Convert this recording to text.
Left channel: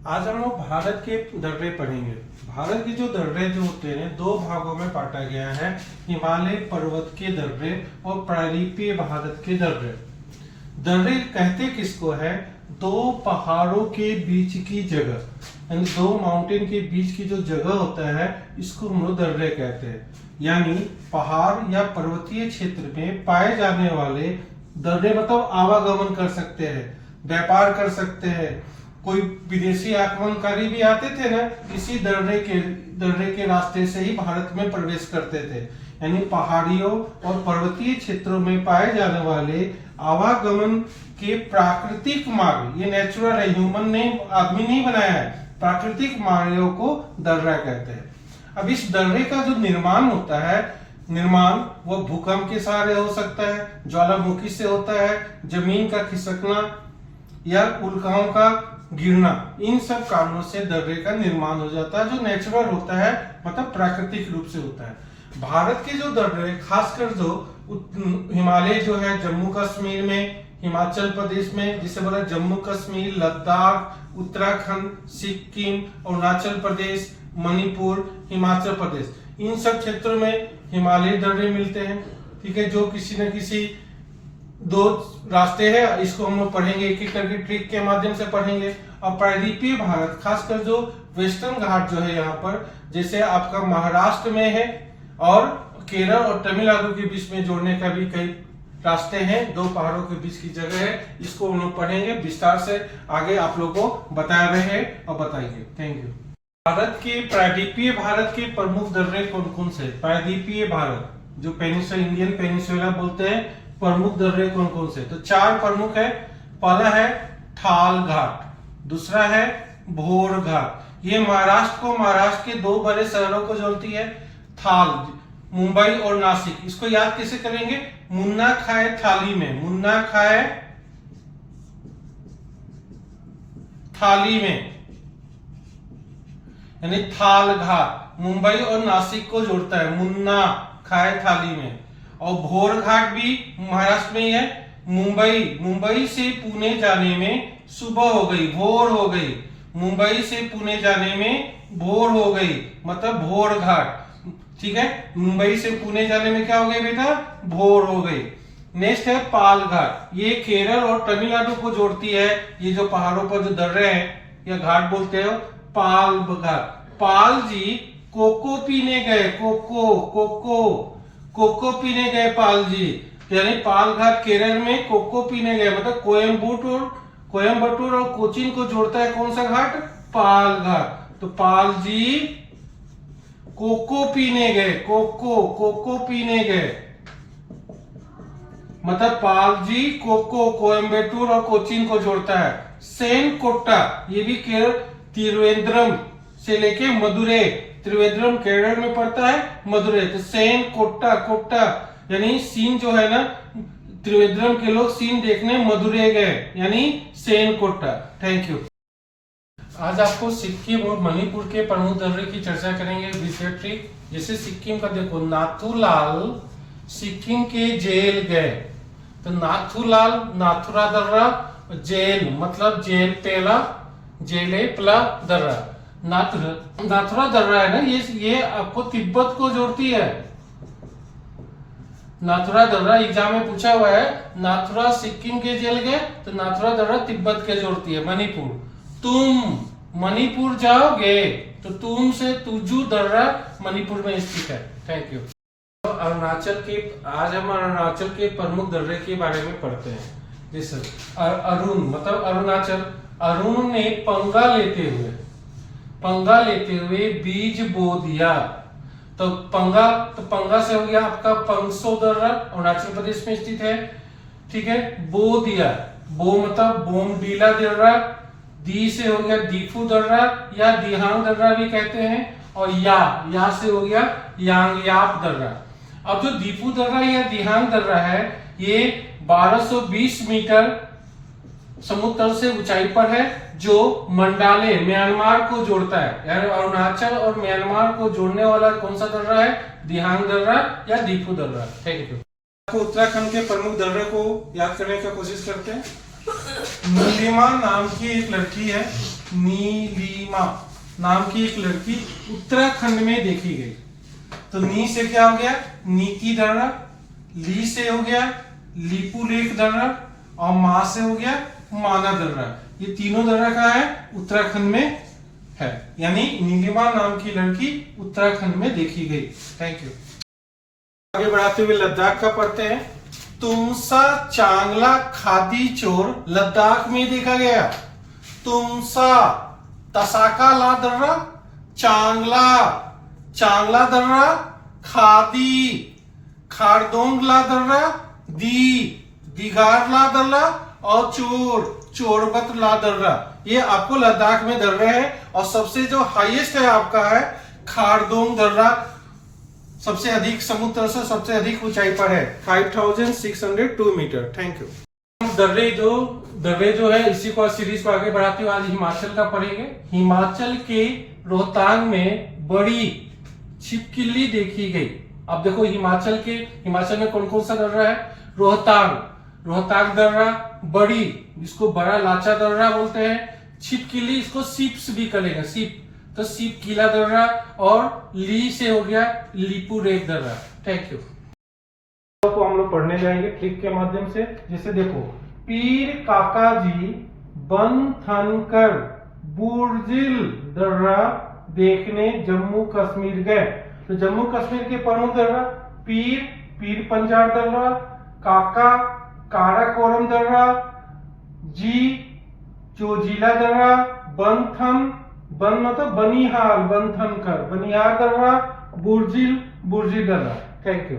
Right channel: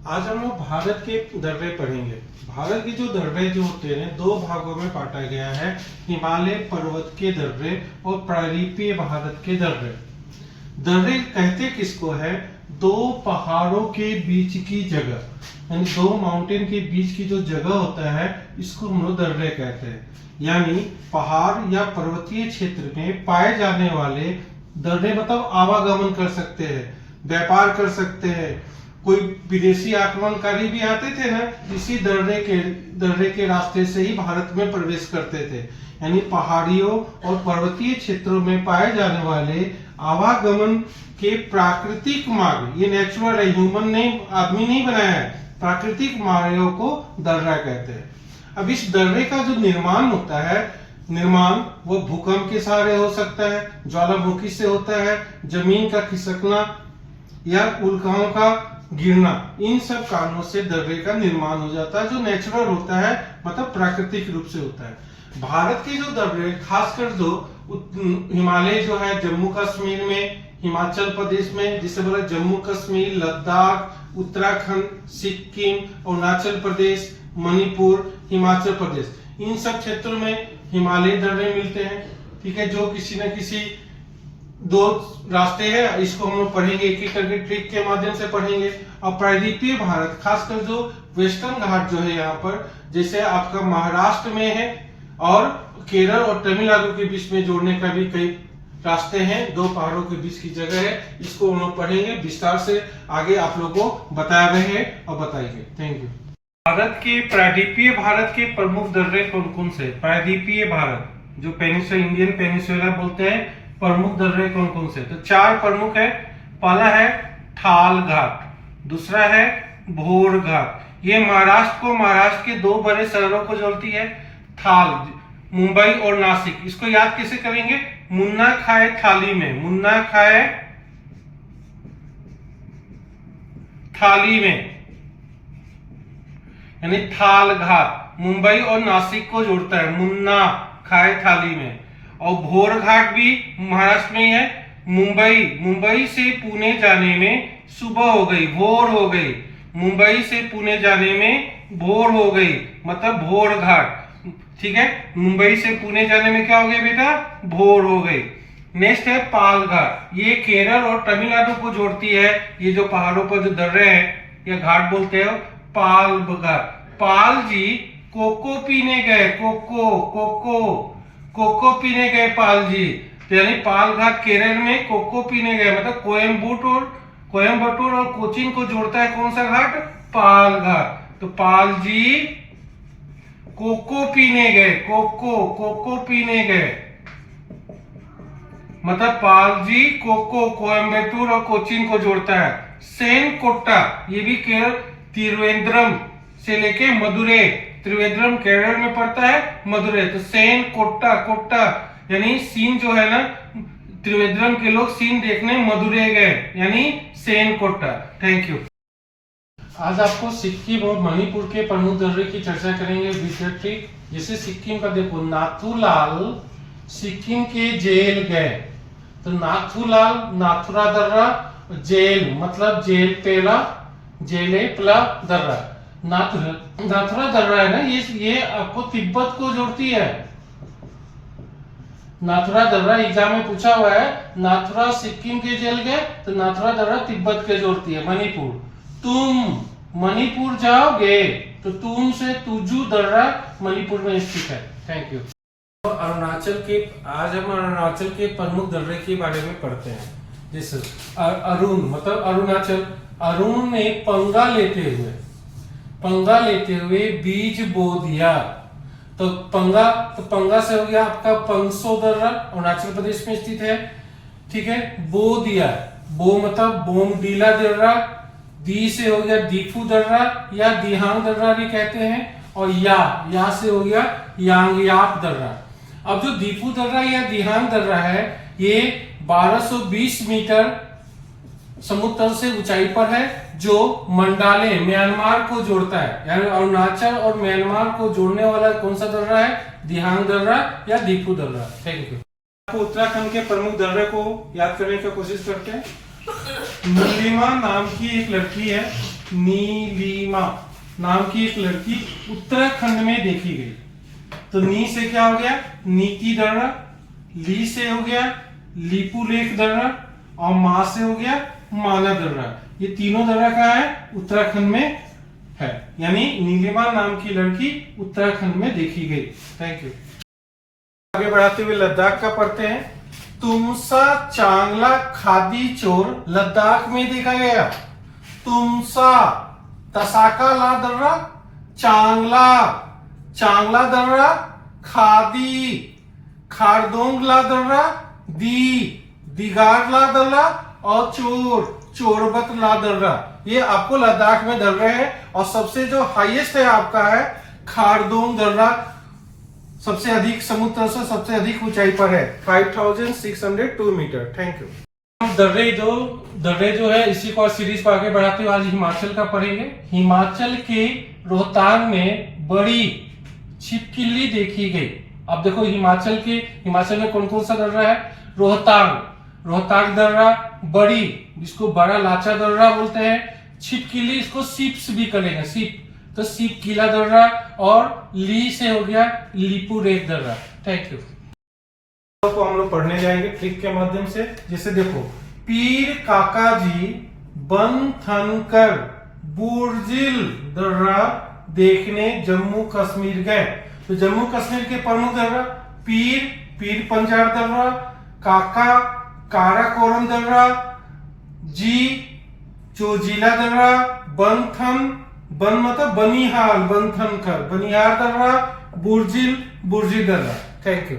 आज हम लोग भारत के दर्रे पढ़ेंगे। भारत के जो दर्रे जो होते हैं दो भागों में बांटा गया है, हिमालय पर्वत के दर्रे और प्रायद्वीपीय भारत के दर्रे। दर्रे कहते किसको है? दो पहाड़ों के बीच की जगह, यानी दो माउंटेन के बीच की जो जगह होता है इसको हम लोग दर्रे कहते हैं। यानी पहाड़ या पर्वतीय क्षेत्र में पाए जाने वाले दर्रे मतलब आवागमन कर सकते हैं, व्यापार कर सकते हैं। कोई विदेशी आक्रमणकारी भी आते थे ना, इसी दर्रे के रास्ते से ही भारत में प्रवेश करते थे। यानी पहाड़ियों और पर्वतीय क्षेत्रों में पाए जाने वाले आवागमन के प्राकृतिक मार्ग, ये नेचुरल है, ह्यूमन ने, आदमी नहीं बनाया है, प्राकृतिक मार्गों को दर्रा कहते हैं। अब इस दर्रे का जो निर्माण होता है, निर्माण वो भूकंप के सहारे हो सकता है, ज्वालामुखी से होता है, जमीन का खिसकना या उल्काओं का गिरना, इन सब कारणों से दर्रे का निर्माण हो जाता है, जो नेचुरल होता है, मतलब प्राकृतिक रूप से होता है। भारत के जो दर्रे, खासकर जो हिमालय जो है, जम्मू कश्मीर में, हिमाचल प्रदेश में, जिसे बोला जम्मू कश्मीर, लद्दाख, उत्तराखंड, सिक्किम, अरुणाचल प्रदेश, मणिपुर, हिमाचल प्रदेश, इन सब क्षेत्रों में हिमालय दर्रे मिलते हैं। ठीक है, जो किसी न किसी दो रास्ते हैं, इसको हम लोग पढ़ेंगे, एक एक करके ट्रिक के माध्यम से पढ़ेंगे। और प्रायद्वीपीय भारत, खासकर जो वेस्टर्न घाट जो है यहाँ पर, जैसे आपका महाराष्ट्र में है और केरल और तमिलनाडु के बीच में जोड़ने का भी कई रास्ते हैं, दो पहाड़ों के बीच की जगह है, इसको हम लोग पढ़ेंगे विस्तार से। आगे आप लोगों को बता रहे हैं और बताएंगे। Thank you. भारत के प्रायद्वीपीय भारत के प्रमुख दर्रे कौन कौन से? प्रायद्वीपीय भारत जो पेनिनसुला, इंडियन पेनिनसुला बोलते हैं, प्रमुख दर्रे कौन कौन से? तो चार प्रमुख है। पहला है ठाल घाट, दूसरा है भोर घाट, ये महाराष्ट्र के दो बड़े शहरों को जोड़ती है। थाल, मुंबई और नासिक, इसको याद कैसे करेंगे? मुन्ना खाए थाली में, मुन्ना खाए थाली में, यानी थाल घाट मुंबई और नासिक को जोड़ता है, मुन्ना खाए थाली में। और भोर घाट भी महाराष्ट्र में ही है। मुंबई से पुणे जाने में सुबह हो गई, भोर हो गई, मुंबई से पुणे जाने में भोर हो गई, मतलब भोर घाट। ठीक है, मुंबई से पुणे जाने में क्या हो गई बेटा? भोर हो गई। नेक्स्ट है पाल घाट, ये केरल और तमिलनाडु को जोड़ती है। ये जो पहाड़ों पर जो दर्रे हैं या घाट बोलते हो, पाल घाट। पाल जी कोको पीने गए, कोको पीने गए पाल जी, तो यानी पाल घाट केरल में कोको पीने गए, मतलब कोयम्बटूर और कोचीन को जोड़ता है कौन सा घाट? पाल घाट। तो पाल जी कोको पीने गए, कोको पीने गए, मतलब पाल जी कोयम्बटूर और कोचीन को जोड़ता है। सेन कोट्टा, ये भी केरल, तिरुवेंद्रम से लेके मदुरै, त्रिवेंद्रम केरल में पड़ता है, मदुरै। तो सेन कोट्टा यानी सीन जो है ना, त्रिवेंद्रम के लोग सीन देखने मदुरै गए, यानी सेन कोट्टा। Thank you. आज आपको सिक्किम और मणिपुर के प्रमुख दर्रे की चर्चा करेंगे विशेष। जैसे सिक्किम का देखो, नाथूलाल सिक्किम के जेल गए, तो नाथूलाल, नाथुरा दर्रा, जेल मतलब जेल पेला, जेले प्ला दर्रा। नाथुरा दर्रा है ना, ये आपको तिब्बत को जोड़ती है। नाथुरा दर्रा एग्जाम में पूछा हुआ है, नाथुरा सिक्किम के जेल गए, तो नाथुरा दर्रा तिब्बत के जोड़ती है। मणिपुर, तुम मणिपुर जाओगे तो तुम से तुजू दर्रा मणिपुर में स्थित है। Thank you. आज हम अरुणाचल के प्रमुख दर्रे के बारे में पढ़ते हैं। जैसे अरुण मतलब अरुणाचल, अरुण ने पंगा लेते हुए बीज बो दिया, तो पंगा से हो गया आपका पंगसो दर्रा, अरुणाचल प्रदेश में स्थित है। ठीक है, बो दिया, बो मतलब बोमडीला दर्रा, दी से हो गया दीफू दर्रा या दिहांग दर्रा भी कहते हैं, और या से हो गया यांगयाप दर्रा। अब जो दीफू दर्रा या दिहांग दर्रा है, ये 1220 मीटर समुद्र तल से ऊंचाई पर है, जो मंडाले म्यांमार को जोड़ता है। यानी अरुणाचल और म्यांमार को जोड़ने वाला कौन सा दर्रा है? दिहांग दर्रा या दीफू दर्रा। Thank you. आपको उत्तराखंड के प्रमुख दर्रे को याद करने की कोशिश करते हैं। नीलिमा नाम की एक लड़की है, नीलिमा नाम की एक लड़की उत्तराखंड में देखी गई। तो नी से क्या हो गया, नीति दर्रा, ली से हो गया लीपू लेक दर्रा, और मा से हो गया माना दर्रा। ये तीनों दर्रा कहाँ है, उत्तराखंड में है, यानी नीलिमा नाम की लड़की उत्तराखंड में देखी गई। Thank you. आगे बढ़ाते हुए लद्दाख का पढ़ते हैं। तुमसा चांगला खादी चोर लद्दाख में देखा गया। तुमसा तसाका ला दर्रा, चांगला चांगला दर्रा, खादी खारदोंग ला दर्रा, दिगार ला दर्रा, और चोरबत ला दर्रा। ये आपको लद्दाख में दर्रे हैं, और सबसे जो हाईएस्ट है आपका है खारदोंग दर्रा, सबसे अधिक समुद्र से सबसे अधिक ऊंचाई पर है, 5602 मीटर। Thank you. दर्रे जो है इसी को सीरीज को आगे बढ़ाते हुए आज हिमाचल का पढ़ेंगे। हिमाचल के रोहतांग में बड़ी छिपकली देखी गई। अब देखो हिमाचल में कौन कौन सा दर्रा है, रोहतांग दर्रा, बड़ी जिसको बड़ा लाचा दर्रा बोलते हैं, छिपकली इसको सीप्स भी करेंगे, सीप तो सीप किला दर्रा, और ली से हो गया लीपू लेक दर्रा। Thank you. तो हम लोग पढ़ने जाएंगे ट्रिक के माध्यम से। जैसे देखो, पीर काका जी बन थन कर बुर्जिल दर्रा देखने जम्मू कश्मीर गए। तो जम्मू कश्मीर के प्रमुख दर्रा पीर पंजार दर्रा, काका काराकोरम दर्रा, जी चोजिला दर्रा, बन मतलब बनिहाल, बनिहार दर्रा, बुर्जिल दर्रा। Thank you.